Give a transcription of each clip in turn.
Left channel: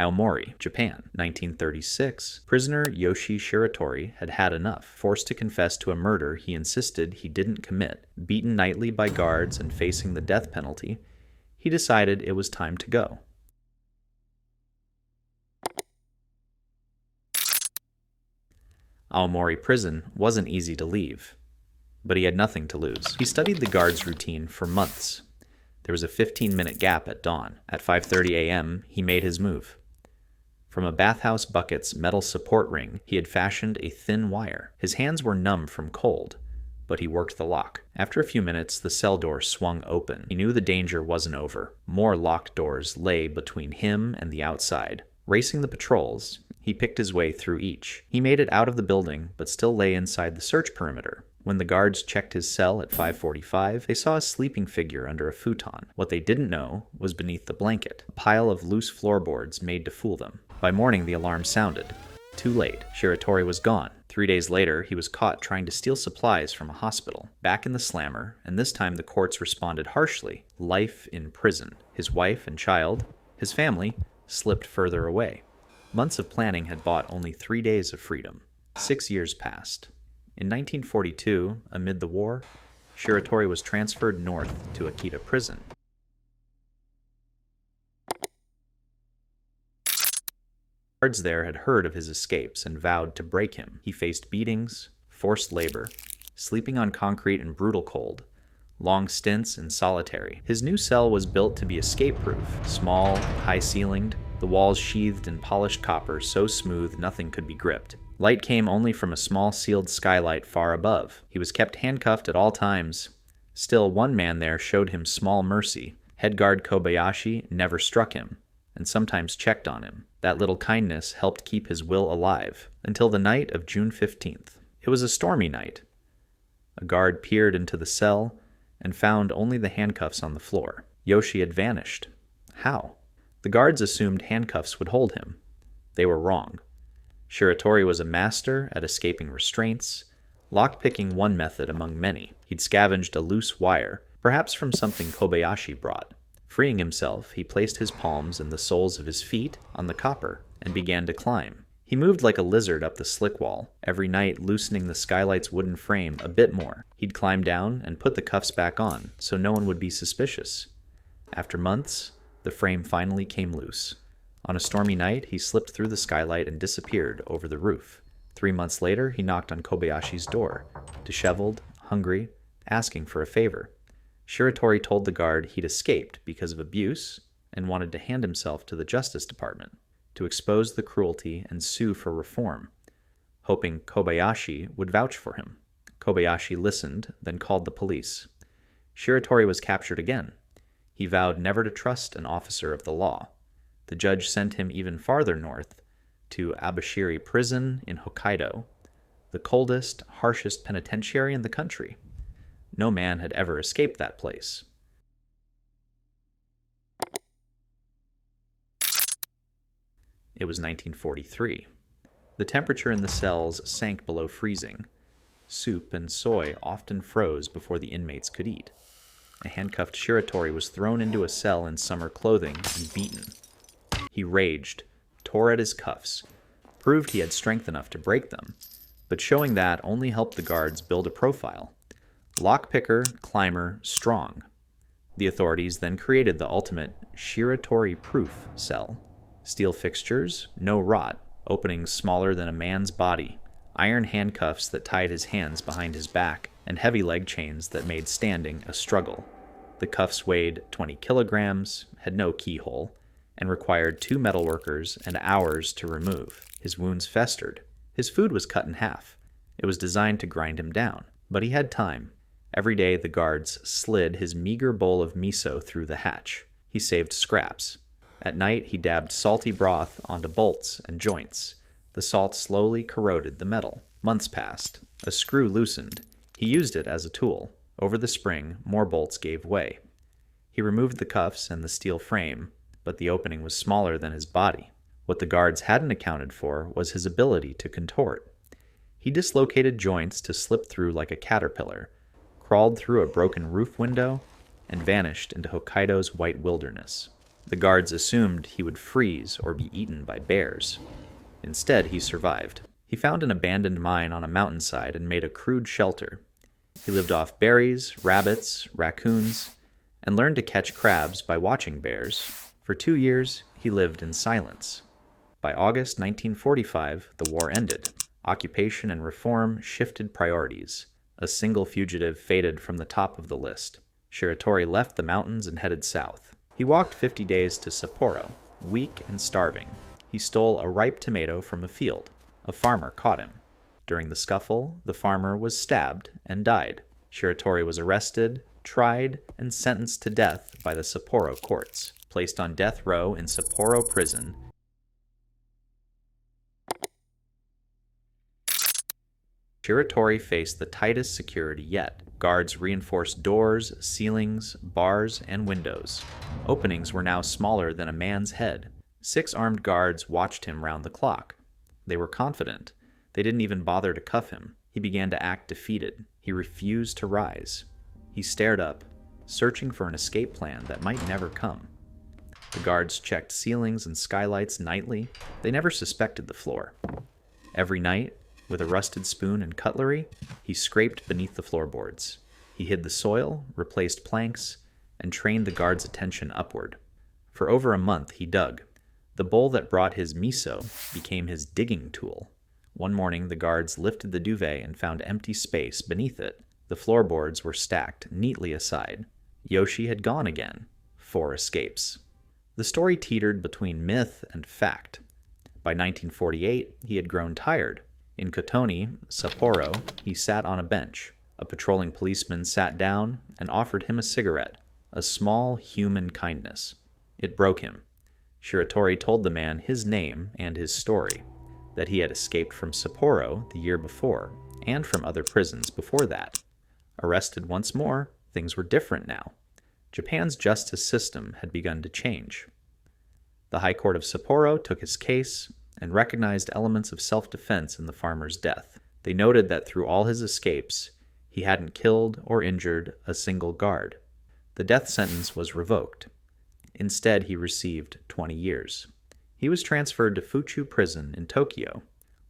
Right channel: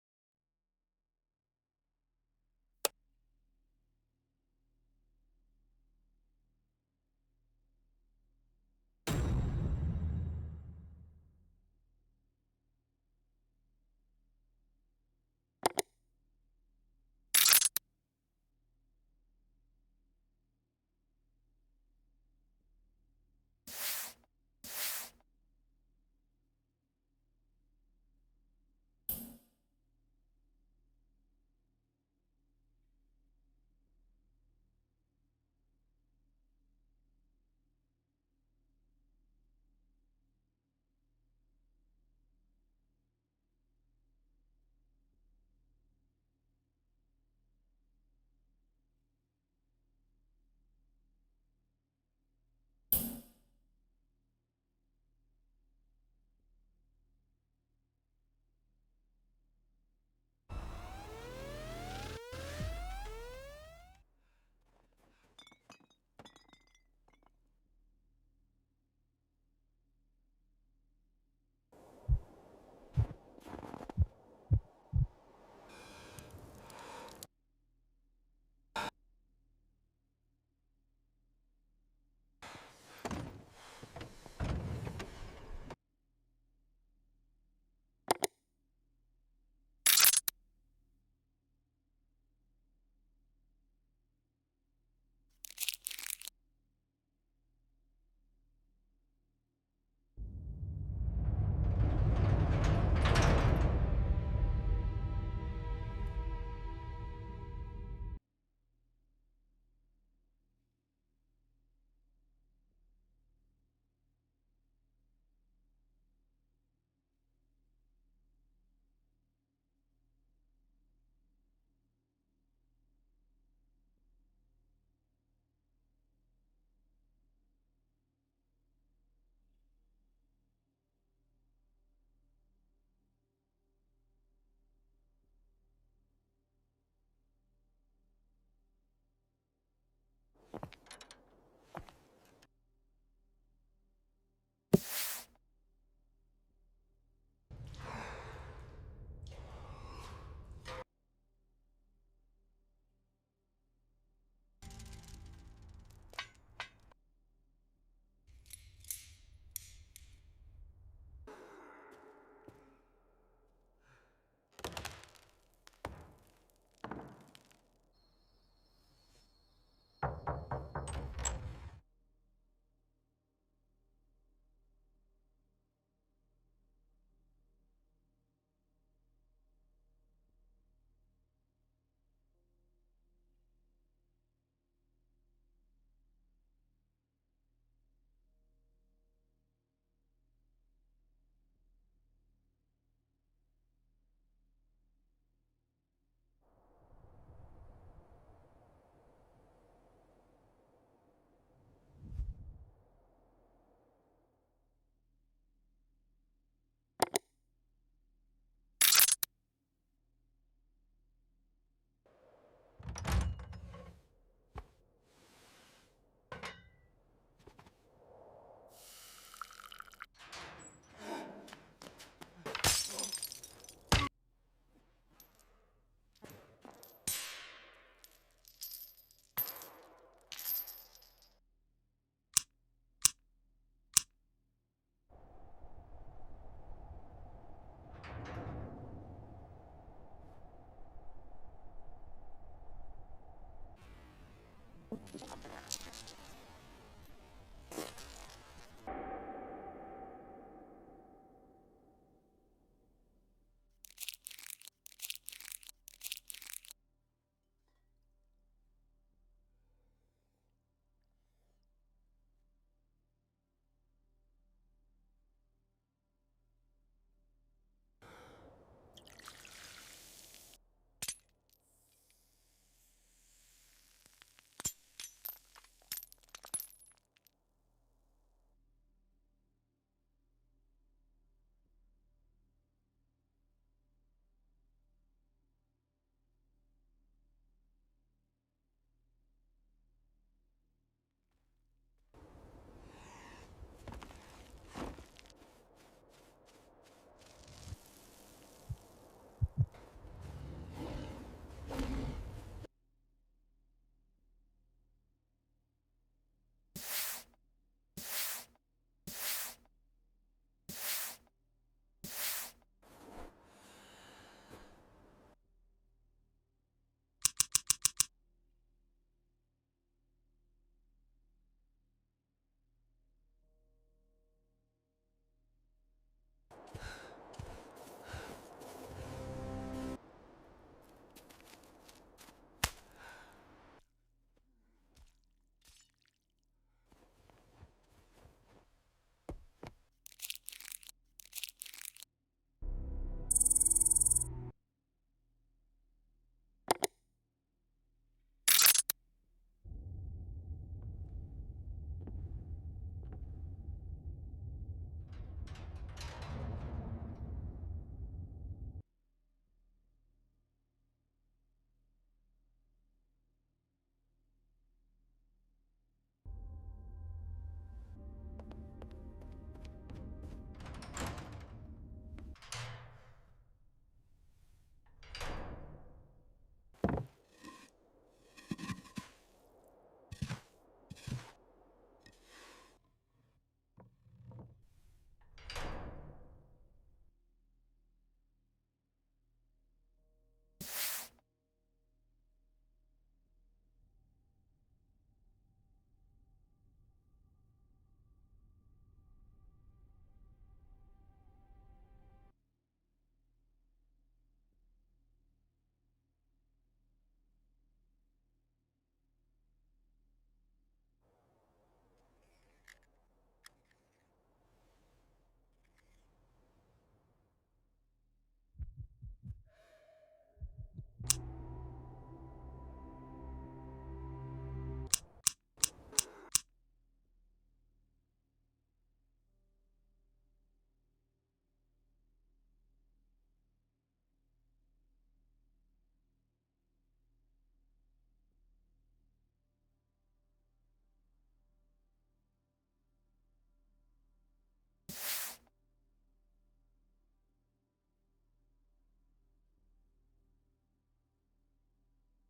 Aomori, Japan, 1936. Prisoner Yoshie Shiratori had had enough. Forced to confess to a murder he insisted he didn't commit, beaten nightly by guards and facing the death penalty, he decided it was time to go. Aomori Prison wasn't easy to leave, but he had nothing to lose. He studied the guards' routine for months. There was a 15-minute gap at dawn. At 5:30 a.m., he made his move. From a bathhouse bucket's metal support ring, he had fashioned a thin wire. His hands were numb from cold, but he worked the lock. After a few minutes, the cell door swung open. He knew the danger wasn't over. More locked doors lay between him and the outside. Racing the patrols, he picked his way through each. He made it out of the building, but still lay inside the search perimeter. When the guards checked his cell at 5:45, they saw a sleeping figure under a futon. What they didn't know was beneath the blanket, a pile of loose floorboards made to fool them. By morning, the alarm sounded. Too late. Shiratori was gone. 3 days later, he was caught trying to steal supplies from a hospital. Back in the slammer, and this time the courts responded harshly. Life in prison. His wife and child, his family, slipped further away. Months of planning had bought only 3 days of freedom. 6 years passed. In 1942, amid the war, Shiratori was transferred north to Akita Prison. Guards there had heard of his escapes and vowed to break him. He faced beatings, forced labor, sleeping on concrete in brutal cold, long stints in solitary. His new cell was built to be escape-proof, small and high-ceilinged, the walls sheathed in polished copper so smooth nothing could be gripped. Light came only from a small sealed skylight far above. He was kept handcuffed at all times. Still, one man there showed him small mercy. Head guard Kobayashi never struck him, and sometimes checked on him. That little kindness helped keep his will alive, until the night of June 15th. It was a stormy night. A guard peered into the cell and found only the handcuffs on the floor. Yoshie had vanished. How? The guards assumed handcuffs would hold him. They were wrong. Shiratori was a master at escaping restraints, lockpicking one method among many. He'd scavenged a loose wire, perhaps from something Kobayashi brought. Freeing himself, he placed his palms and the soles of his feet on the copper and began to climb. He moved like a lizard up the slick wall, every night loosening the Skylight's wooden frame a bit more. He'd climb down and put the cuffs back on, so no one would be suspicious. After months, the frame finally came loose. On a stormy night, he slipped through the Skylight and disappeared over the roof. 3 months later, he knocked on Kobayashi's door, disheveled, hungry, asking for a favor. Shiratori told the guard he'd escaped because of abuse and wanted to hand himself to the Justice Department to expose the cruelty and sue for reform, hoping Kobayashi would vouch for him. Kobayashi listened, then called the police. Shiratori was captured again. He vowed never to trust an officer of the law. The judge sent him even farther north, to Abashiri Prison in Hokkaido, the coldest, harshest penitentiary in the country. No man had ever escaped that place. It was 1943. The temperature in the cells sank below freezing. Soup and soy often froze before the inmates could eat. A handcuffed Shiratori was thrown into a cell in summer clothing and beaten. He raged, tore at his cuffs, proved he had strength enough to break them, but showing that only helped the guards build a profile. Lockpicker, climber, strong. The authorities then created the ultimate Shiratori-proof cell. Steel fixtures, no rot, openings smaller than a man's body, iron handcuffs that tied his hands behind his back, and heavy leg chains that made standing a struggle. The cuffs weighed 20 kilograms, had no keyhole, and required 2 metalworkers and hours to remove. His wounds festered. His food was cut in half. It was designed to grind him down, but he had time. Every day the guards slid his meager bowl of miso through the hatch. He saved scraps. At night he dabbed salty broth onto bolts and joints. The salt slowly corroded the metal. Months passed. A screw loosened. He used it as a tool. Over the spring, more bolts gave way. He removed the cuffs and the steel frame, but the opening was smaller than his body. What the guards hadn't accounted for was his ability to contort. He dislocated joints to slip through like a caterpillar, crawled through a broken roof window, and vanished into Hokkaido's white wilderness. The guards assumed he would freeze or be eaten by bears. Instead, he survived. He found an abandoned mine on a mountainside and made a crude shelter. He lived off berries, rabbits, raccoons, and learned to catch crabs by watching bears. For 2 years, he lived in silence. By August 1945, the war ended. Occupation and reform shifted priorities. A single fugitive faded from the top of the list. Shiratori left the mountains and headed south. He walked 50 days to Sapporo, weak and starving. He stole a ripe tomato from a field. A farmer caught him. During the scuffle, the farmer was stabbed and died. Shiratori was arrested, tried, and sentenced to death by the Sapporo courts. Placed on death row in Sapporo Prison, Shiratori faced the tightest security yet. Guards reinforced doors, ceilings, bars, and windows. Openings were now smaller than a man's head. 6 armed guards watched him round the clock. They were confident. They didn't even bother to cuff him. He began to act defeated. He refused to rise. He stared up, searching for an escape plan that might never come. The guards checked ceilings and skylights nightly. They never suspected the floor. Every night, with a rusted spoon and cutlery, he scraped beneath the floorboards. He hid the soil, replaced planks, and trained the guards' attention upward. For over a month, he dug. The bowl that brought his miso became his digging tool. One morning, the guards lifted the duvet and found empty space beneath it. The floorboards were stacked neatly aside. Yoshie had gone again. 4 escapes. The story teetered between myth and fact. By 1948, he had grown tired. In Kotoni, Sapporo, he sat on a bench. A patrolling policeman sat down and offered him a cigarette, a small human kindness. It broke him. Shiratori told the man his name and his story, that he had escaped from Sapporo the year before, and from other prisons before that. Arrested once more, things were different now. Japan's justice system had begun to change. The High Court of Sapporo took his case and recognized elements of self-defense in the farmer's death. They noted that through all his escapes, he hadn't killed or injured a single guard. The death sentence was revoked. Instead, he received 20 years. He was transferred to Fuchu Prison in Tokyo,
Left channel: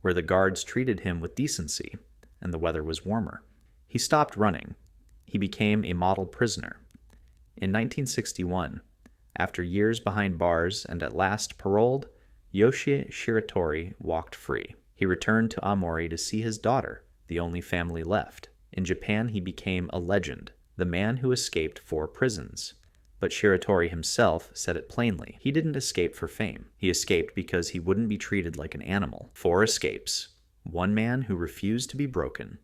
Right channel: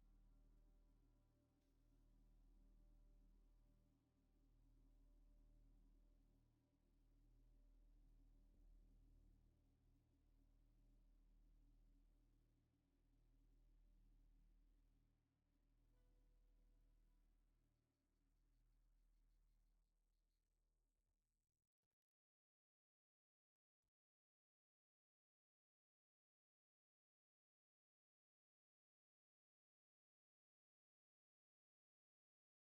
where the guards treated him with decency, and the weather was warmer. He stopped running. He became a model prisoner. In 1961, after years behind bars and at last paroled, Yoshie Shiratori walked free. He returned to Aomori to see his daughter, the only family left. In Japan, he became a legend, the man who escaped 4 prisons. But Shiratori himself said it plainly. He didn't escape for fame. He escaped because he wouldn't be treated like an animal. 4 escapes. One man who refused to be broken.